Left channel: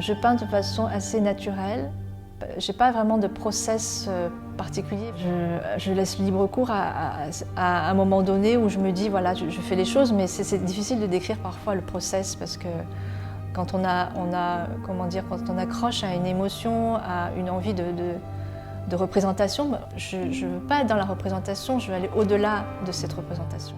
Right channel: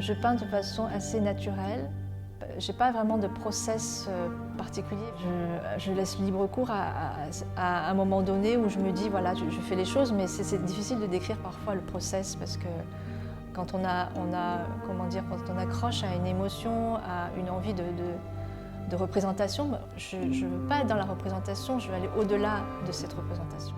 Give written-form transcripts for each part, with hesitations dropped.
Je peins de façon assez naturelle. Je n'ai pas vraiment de process particulier. Je laisse libre cours à un moment donné où je me dis, voilà, je fais les choses, mais c'est difficile de décrire parfois le process parce que quand quand on accroche à une émotion, à une envie de représentation, je ne veux pas être dans la représentation, je veux aller au-delà de cette représentation.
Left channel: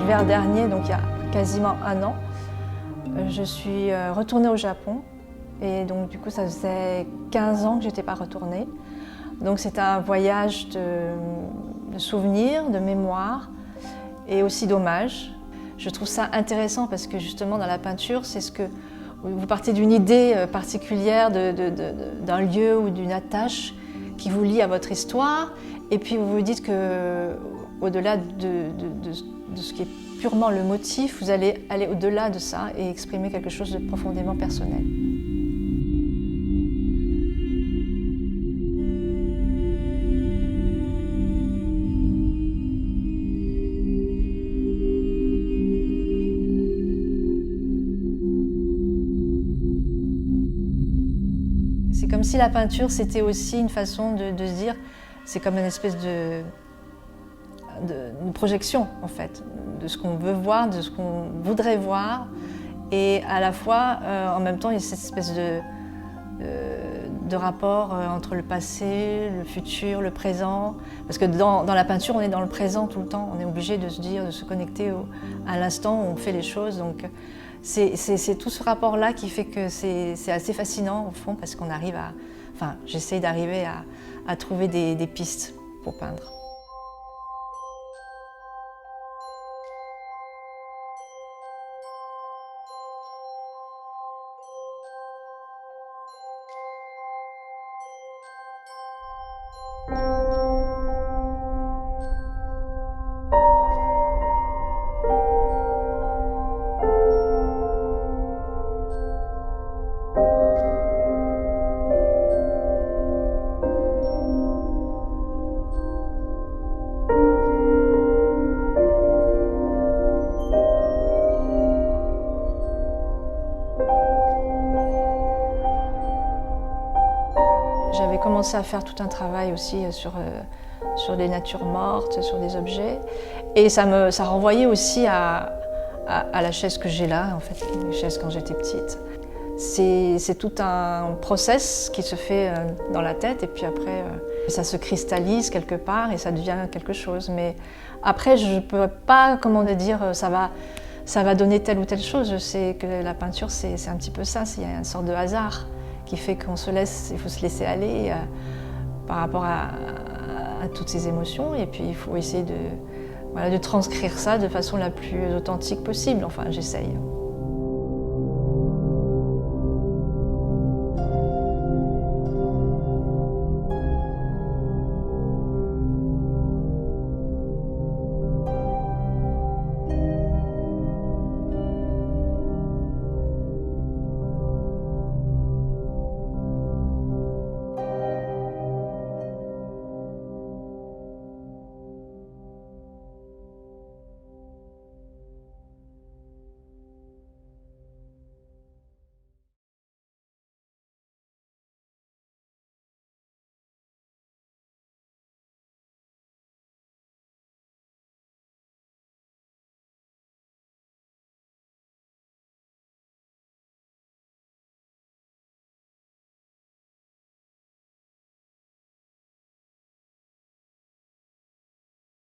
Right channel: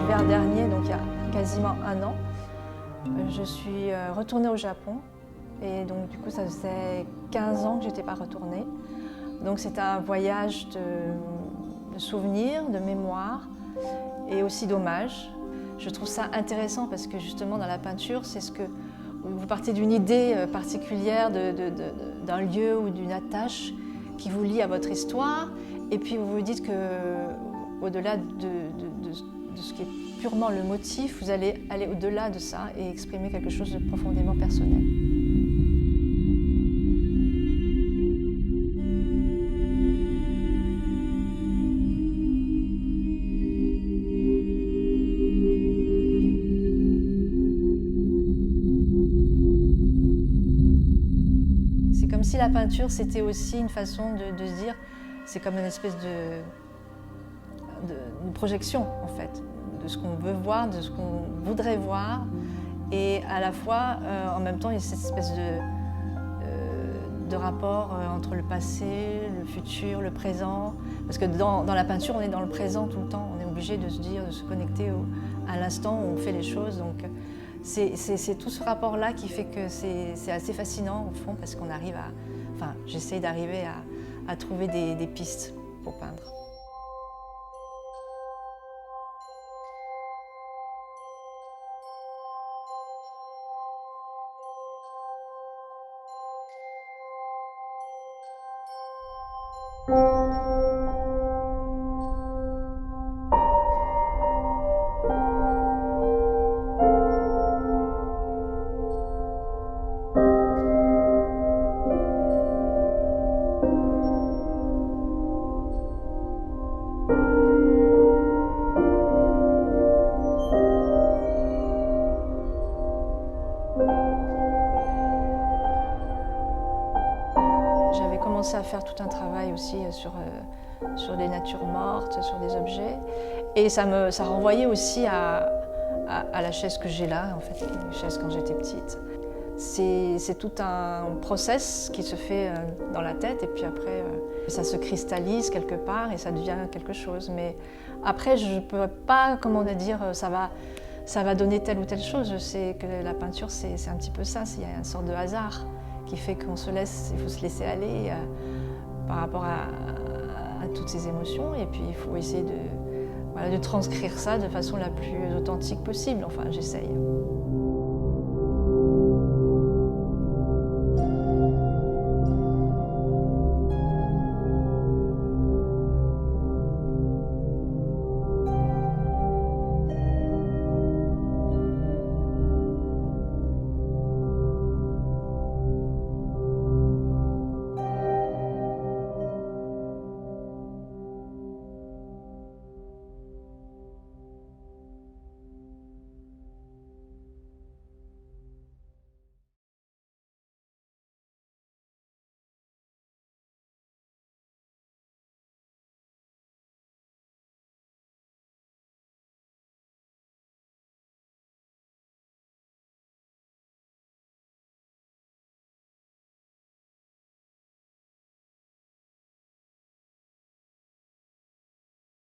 L'hiver dernier, donc il y a quasiment un an, je suis retournée au Japon et donc du coup ça faisait 15 ans que je n'étais pas retournée. Donc c'était un voyage de souvenirs, de mémoire et aussi d'hommage. Je trouve ça intéressant parce que justement dans la peinture, c'est ce que vous partez d'une idée particulière d'un lieu ou d'une attache qui vous lie à votre histoire et puis vous vous dites que au-delà de ce qui est purement le motif, vous allez aller au-delà de ça et exprimer quelque chose de profondément personnel. C'est comme si la peinture, c'était aussi une façon de se dire, c'est comme une espèce de projection, en fait, de ce qu'on veut voir, de ce qu'on voudrait voir. Et à la fois, en même temps, il y a cette espèce de rapport entre le passé, le futur, le présent. Parce que dans la peinture, on est dans le présent tout le temps. On est obligé de se dire, de se connecter à l'instant où on fait les choses. Donc, c'est tout ce rapport-là qui fait que c'est assez fascinant, au fond, parce qu'on arrive à... Enfin, j'essaye d'arriver à trouver des pistes pour peindre. J'avais commencé à faire tout un travail aussi sur des natures mortes, sur des objets. Et ça renvoyait aussi à la chaise que j'ai là, en fait, une chaise quand j'étais petite. C'est tout un process qui se fait dans la tête et puis après, ça se cristallise quelque part et ça devient quelque chose. Mais après, je ne peux pas, comment dire, ça va donner telle ou telle chose. Je sais que la peinture, c'est un petit peu ça, il y a une sorte de hasard qui fait qu'il faut se laisser aller par rapport à toutes ces émotions et puis il faut essayer de transcrire ça de façon la plus authentique possible, enfin j'essaye.